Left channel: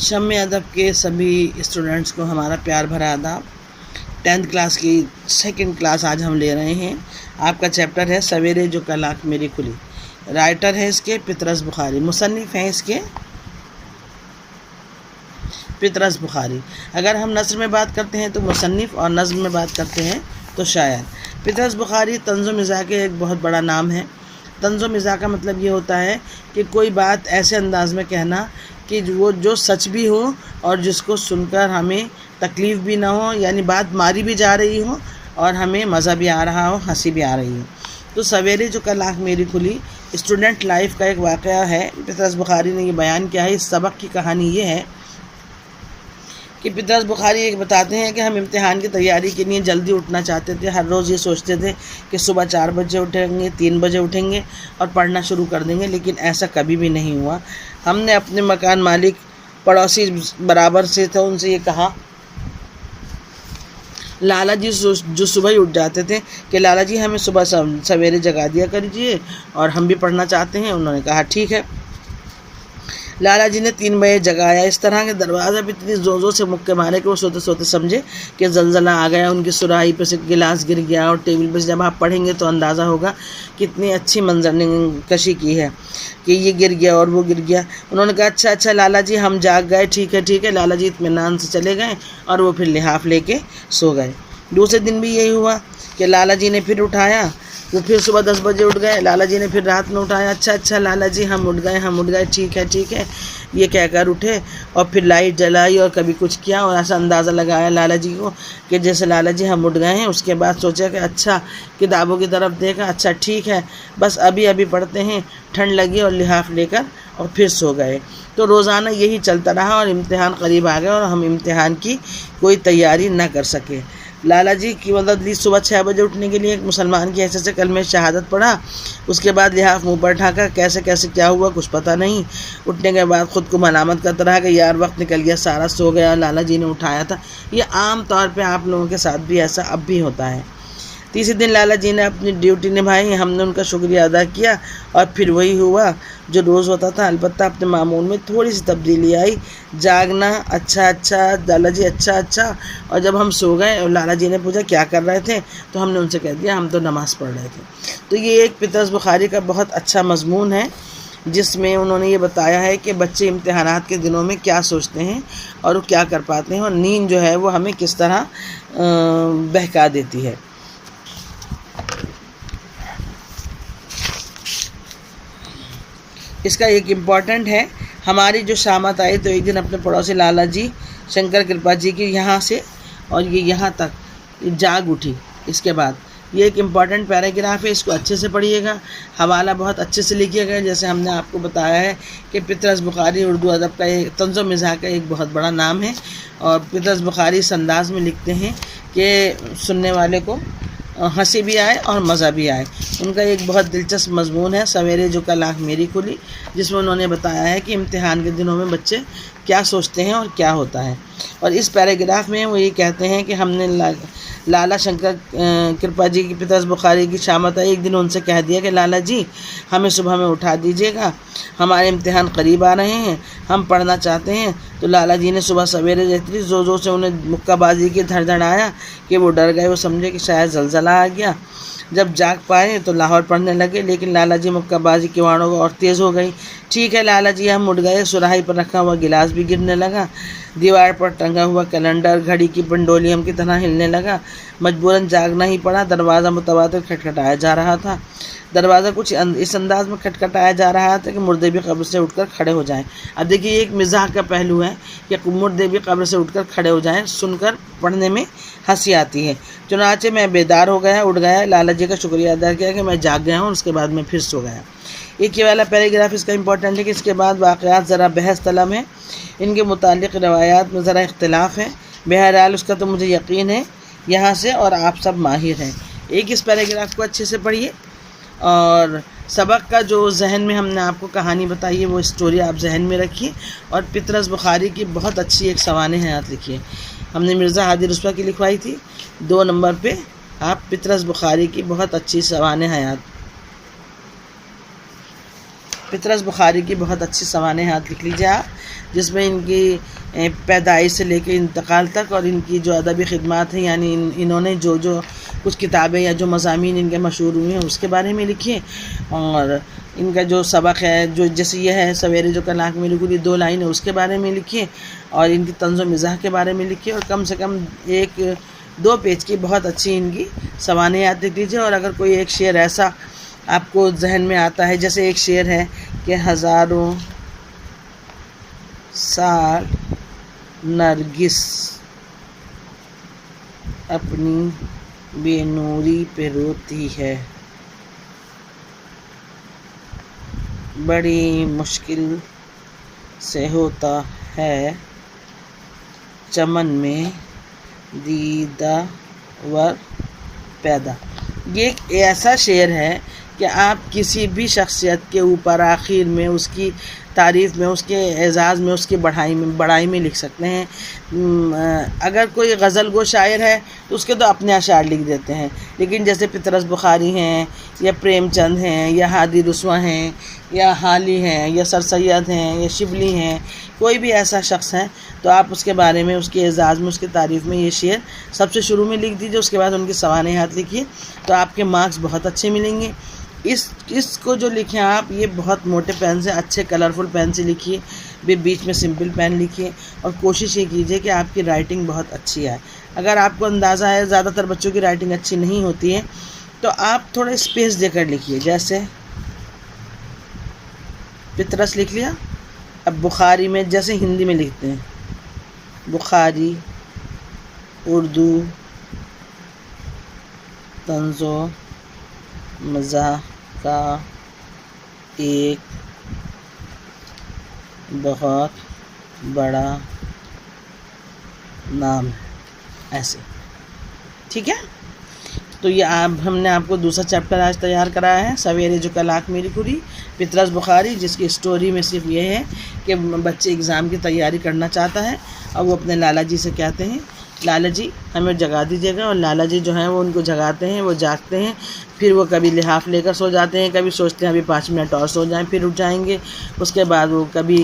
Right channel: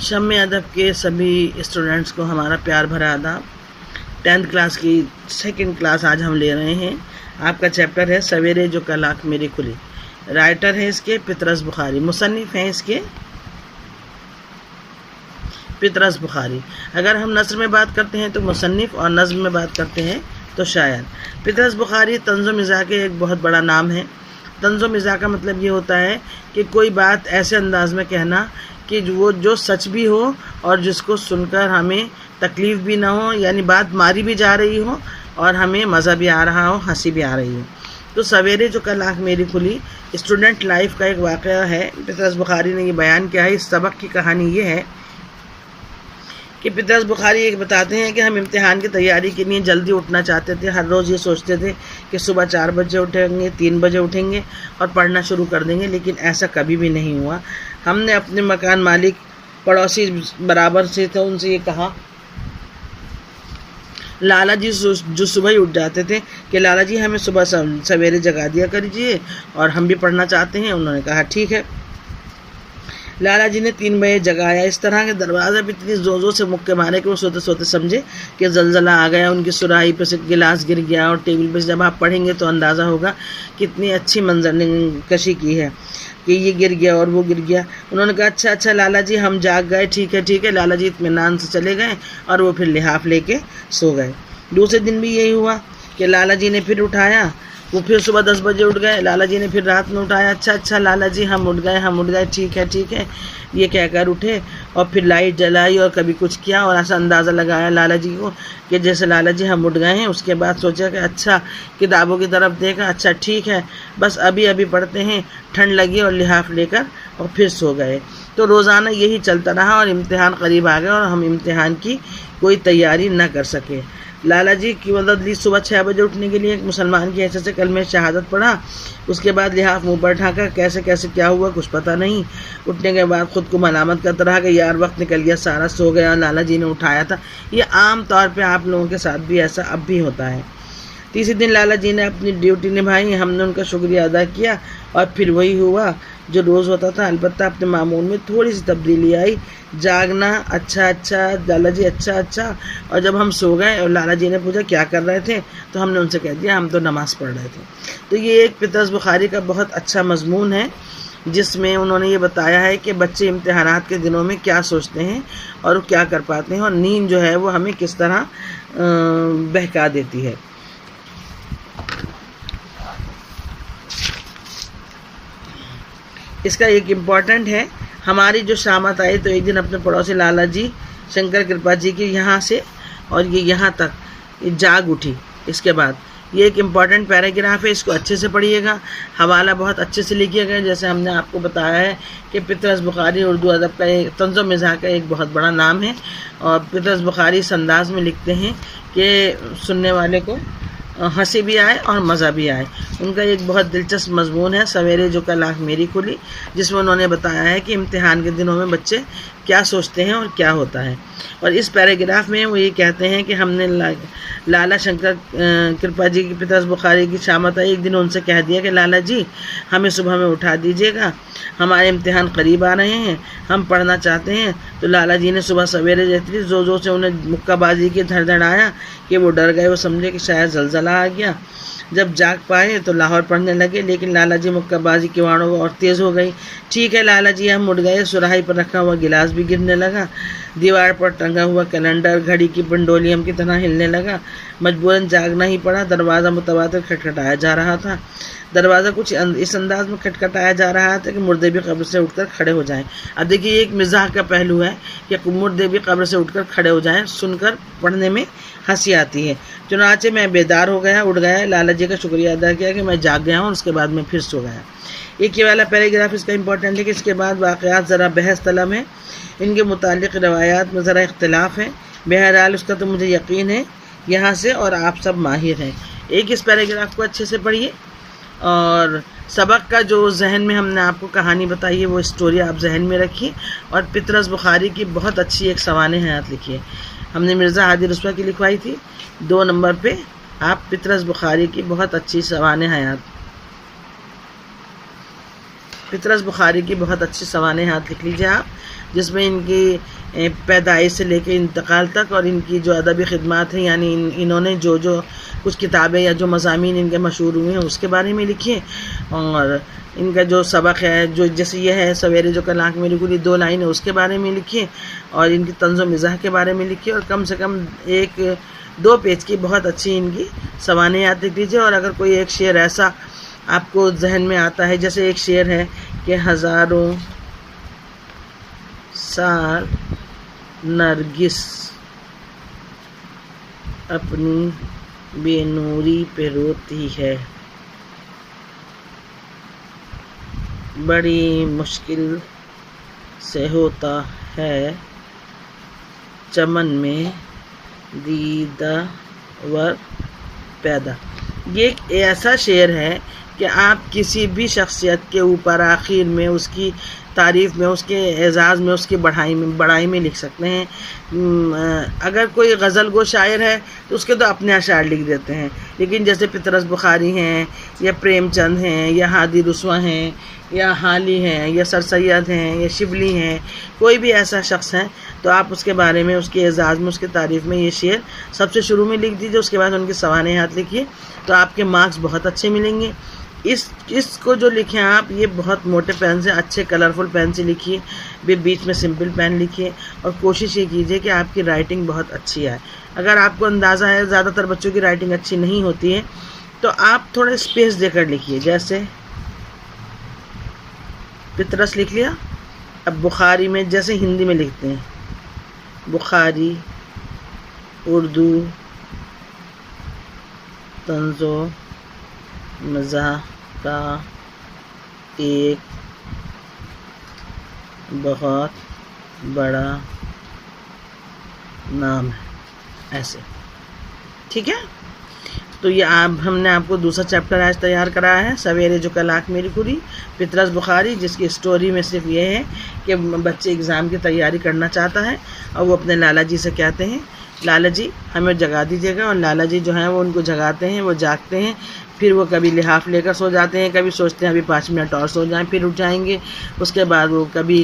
शम्मे अदब के सभी स्टूडेंट्स को हमारा प्यार भरा आदाब। 10th क्लास की सेकंड क्लास आज हम ले रहे हैं। आपका चैप्टर है सवेरे जो कल आँख मेरी खुली। राइटर है इसके पितरस बुखारी, मुसन्निफ़ हैं इसके पितरस बुखारी। अगर हम नस्र में बात करते हैं तो मुसन्निफ़ और नज़्म में बात करते हैं तो शायर। पितरस बुखारी तंज़ो मिज़ाह के एक बहुत बड़ा नाम है। तंज़ो मिज़ाह का मतलब ये होता है कि कोई बात ऐसे अंदाज़ में कहना कि वो जो सच भी हो और जिसको सुनकर हमें तकलीफ़ भी ना हो, यानी बात मारी भी जा रही हो और हमें मज़ा भी आ रहा हो, हंसी भी आ रही हो। तो सवेरे जो कल आँख मेरी खुली स्टूडेंट लाइफ का एक वाक़या है। पितरस बुखारी ने ये बयान किया है। इस सबक की कहानी ये है कि पितरस बुखारी एक बताते हैं कि हम इम्तिहान की तैयारी के लिए जल्दी उठना चाहते थे। हर रोज़ ये सोचते थे कि सुबह 4 बजे उठेंगे, 3 बजे उठेंगे और पढ़ना शुरू कर देंगे, लेकिन ऐसा कभी भी नहीं हुआ। हमने अपने मकान मालिक पड़ोसी बराबर से थे, उनसे ये कहा, लाला जी जो सुबह ही उठ जाते थे, कि लाला जी हमें सुबह सवेरे जगा दिया करिए और हम भी पढ़ना चाहते हैं। उन्होंने कहा ठीक है। लाला जी ने 3 बजे जगाया। इस तरह के दरवाज़ा भी इतनी ज़ोर से मुक्के मारे कि वो सोते सोते समझे कि ज़लज़ला आ गया। उनकी सुराही पर से गिलास गिर गया और टेबल पर से जब आप पढ़ेंगे तो अंदाज़ा होगा कितनी अच्छी मंजर कशी की है कि ये गिर गया और वो गिर गया। उन्होंने कहा अच्छा लाला जी हम जाग गए, ठीक है। लाला जी इत्मीनान से चले गए और वो फिर लिहाफ लेके सो गए। दूसरे दिन भी यही हुआ कि लाला जी ने फिर उठाया, वो फिर सुबह 10 बजे उठ गए। लाला जी ने फिर रात में उठाया, अच्छा लाला जी हम उठ गए, ठीक है, ये कहकर उठे और फिर लाइट जलाई और कभी कुछ किया और ऐसा अंदाज़ा लगाया लाला जी को कि जैसे लाला जी हम उठ गए हैं। उसके बाद सोचा कि अच्छा किताबों की तरफ देखा, अच्छा ठीक है बस अभी पढ़ते हैं। ठंड लगी और लिहाफ लेकर और फिर सो गए। तो रोज़ाना यही चलता रहा और इम्तिहान करीब आ गया और हम इम्तिहान की कोई तैयारी ना कर सके। लाला जी की मदद ली। सुबह 6 बजे उठने के लिए एक मुसलमान की हैसियत से कलमे शहादत पढ़ा। उसके बाद लिहाफ मुँह पर ढाका। कैसे क्या हुआ कुछ पता नहीं। उठने के बाद ख़ुद को मलामत करता रहा कि यार वक्त निकल गया, सारा सो गया, लाला जी ने उठाया था। ये आम तौर पे आप लोगों के साथ भी ऐसा अब भी होता है। तीसरे दिन लाला जी ने अपनी ड्यूटी निभाई। हमने उनका शुक्रिया अदा किया और फिर वही हुआ जो रोज़ होता था। अलबत्ता अपने मामूल में थोड़ी सी तब्दीली आई। जागना, अच्छा लाला जी अच्छा। और जब हम सो गए और लाला जी ने पूछा क्या कर रहे थे तो हमने उनसे कह दिया हम तो नमाज़ पढ़ रहे थे। तो ये एक पितरस बुखारी का बहुत अच्छा मजमून है जिसमें उन्होंने ये बताया है कि बच्चे इम्तिहानात के दिनों में क्या सोचते हैं और वो क्या कर पाते हैं और नींद जो है वो हमें किस तरह बहका देती है। इसका एक इम्पॉर्टेंट है। हमारी जो शामत आई तो एक दिन अपने पड़ोसी लाला जी शंकर कृपा जी की यहाँ से और ये यहाँ तक जाग उठी। इसके बाद ये एक इम्पॉर्टेंट पैराग्राफ है, इसको अच्छे से पढ़िएगा। हवाला बहुत अच्छे से लिखिएगा। जैसे हमने आपको बताया है कि पितरस बुखारी उर्दू अदब का एक तंज़ो मिज़ाह का एक बहुत बड़ा नाम है और पितरस बुखारी इस अंदाज़ में लिखते हैं कि सुनने वाले को हंसी भी आए और मज़ा भी आए। उनका एक बहुत दिलचस्प मजमून है सवेरे जो कल आँख मेरी खुली, जिसमें उन्होंने बताया है कि इम्तिहान के दिनों में बच्चे क्या सोचते हैं और क्या होता है। और इस पैराग्राफ में वो ये कहते हैं कि हमने लाला शंकर कृपा जी की पितरस बुखारी की शामत आई। एक दिन उनसे कह दिया कि लाला जी हमें सुबह में उठा दीजिएगा, हमारे इम्तिहान करीब आ रहे हैं, हम पढ़ना चाहते हैं। तो लाला जी ने सुबह सवेरे जैसे ज़ोर से उन्हें मुक्काबाजी की धड़धड़ाया कि वो डर गए। वो समझे कि शायद ज़लज़ला आ गया। जब जाग पाए तो लाहौर पढ़ने लगे, लेकिन लाला जी मुक्काबाजी किवाड़ों और तेज़ हो गई। ठीक है लाला जी हम उठ गए। सुराही पर रखा हुआ गिलास भी गिरने लगा। दीवार पर टंगा हुआ कैलेंडर घड़ी की पेंडुलम की तरह हिलने लगा। मजबूरन जागना ही पड़ा। दरवाज़ा मुतवातिर खटखटाया जा रहा था। दरवाज़ा कुछ इस अंदाज में खटखटाया जा रहा था कि मुर्दे भी कब्र से उठकर खड़े हो जाएं। अब देखिए एक मिजाह का पहलू है कि मुर्दे भी कब्र से उठकर खड़े हो जाएं। सुनकर पढ़ने में हंसी आती है। चुनाचे मैं बेदार हो गया, उठ गया, लाला जी का शुक्रिया अदा किया कि मैं जाग गया हूँ। उसके बाद मैं फिर सो गया। एक ये वाला पैराग्राफ इसका इम्पोर्टेंट है कि इसके बाद वाक़यात ज़रा बहस तलब हैं। इनके मुतालिक रवायात में ज़रा इख्तिलाफ है। बहरहाल उसका तो मुझे यकीन है यहाँ से और आप सब माहिर हैं। एक इस पैराग्राफ को अच्छे से पढ़िए और सबक का जो जहन में हमने आपको कहानी बताई है वो स्टोरी आप जहन में रखिए और पितरस बुखारी की बहुत अच्छी एक सवाने हयात लिखिए। हमने मिर्ज़ा हादी रुस्वा की लिखवाई थी। 2 नंबर पे आप पितरस बुखारी की बहुत अच्छी सवाने हयात पितरस बुखारी की बहुत अच्छी सवाने हाथ लिख लीजिए आप, जिसमें इनकी पैदाइश से लेकर इंतकाल तक और इनकी जो अदबी खिदमत है, यानी इन्होंने जो जो कुछ किताबें या जो मज़ामीन इनके मशहूर हुए हैं उसके बारे में लिखिए। और इनका जो सबक है, जो जैसे ये है सवेरे जो कल आँख मेरी खुली 2 लाइन है, उसके बारे में लिखिए। और इनकी तंज़ो मिज़ाह के बारे में लिखिए। और कम से कम 1-2 पेज की बहुत अच्छी इनकी सवाने याद लिख लीजिए। और अगर कोई एक शेर ऐसा आपको जहन में आता है, जैसे एक शेर है कि हज़ारों साल नरगिस अपनी बेनूरी पे रोती है, बड़ी मुश्किल से होता है चमन में दीदावर पैदा। ये एक ऐसा शेर है कि आप किसी भी शख्सियत के ऊपर आखिर में उसकी तारीफ़ में, उसके एजाज़ में, उसकी बड़ाई में लिख सकते हैं। अगर कोई गज़ल गो शायर है तो उसके तो अपने अशार लिख देते हैं, लेकिन जैसे पितरस बुखारी हैं या प्रेमचंद हैं या हादी रुस्वा हैं या हाली हैं या सर सैयद हैं या शिबली हैं, कोई भी ऐसा शख्स है तो आप उसके बारे में, उसके एजाज़ में, उसकी तारीफ़ में ये शेर सबसे शुरू में लिख दीजिए। उसके बाद उनके सवाने हाथ लिखिए तो आपके मार्क्स बहुत अच्छे मिलेंगे। इसको जो लिखें आप, ये बहुत मोटे पेन से, अच्छे कलरफुल पेन से लिखिए, बीच में सिंपल पेन लिखिए। और कोशिश ये कीजिए कि आपकी राइटिंग बहुत अच्छी आए। अगर आपको अंदाज़ा है ज़्यादातर बच्चों की राइटिंग अच्छी नहीं होती है तो आप थोड़े स्पेस देकर लिखिए। जैसे पितरस लिख लिया, अब बुखारी में जैसे हिंदी में लिखते हैं, बुखारी उर्दू तंज़ो मज़ाह का एक बहुत बड़ा नाम है, ऐसे। ठीक है, तो ये हमने आपको दूसरा चैप्टर आज तैयार कराया है, सवेरे जो कल आँख मेरी खुली, पितरस बुखारी, जिसकी स्टोरी में सिर्फ ये है कि बच्चे एग्ज़ाम की तैयारी करना चाहता है और वो अपने लाला जी से कहते हैं, लाला जी हमें जगा दीजिएगा। और लाला जी जो हैं वो उनको जगाते हैं, वो जागते हैं, फिर वो कभी लिहाफ लेकर सो जाते हैं, कभी सोचते हैं अभी 5 मिनट और सो जाएं, फिर उठ जाएंगे। उसके बाद वो कभी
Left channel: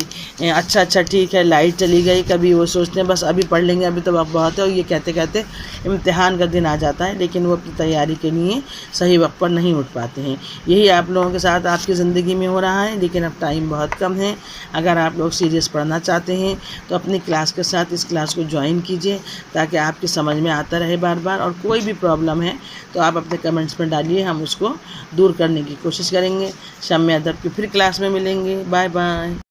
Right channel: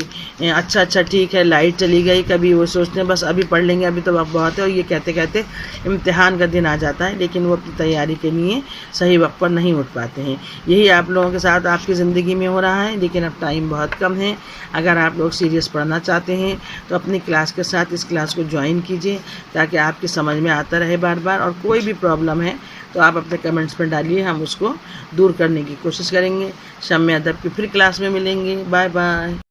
अच्छा ठीक है लाइट चली गई, कभी वो सोचते हैं बस अभी पढ़ लेंगे, अभी तो वक्त बहुत है। और ये कहते कहते इम्तिहान का दिन आ जाता है, लेकिन वो अपनी तैयारी के लिए सही वक्त पर नहीं उठ पाते हैं। यही आप लोगों के साथ आपकी ज़िंदगी में हो रहा है, लेकिन अब टाइम बहुत कम है। अगर आप लोग सीरियस पढ़ना चाहते हैं तो अपनी क्लास के साथ इस क्लास को ज्वाइन कीजिए, ताकि आपकी समझ में आता रहे बार बार। और कोई भी प्रॉब्लम है तो आप अपने कमेंट्स में डालिए, हम उसको दूर करने की कोशिश करेंगे। शम्य अदब की फिर क्लास में मिलेंगे। Bye bye.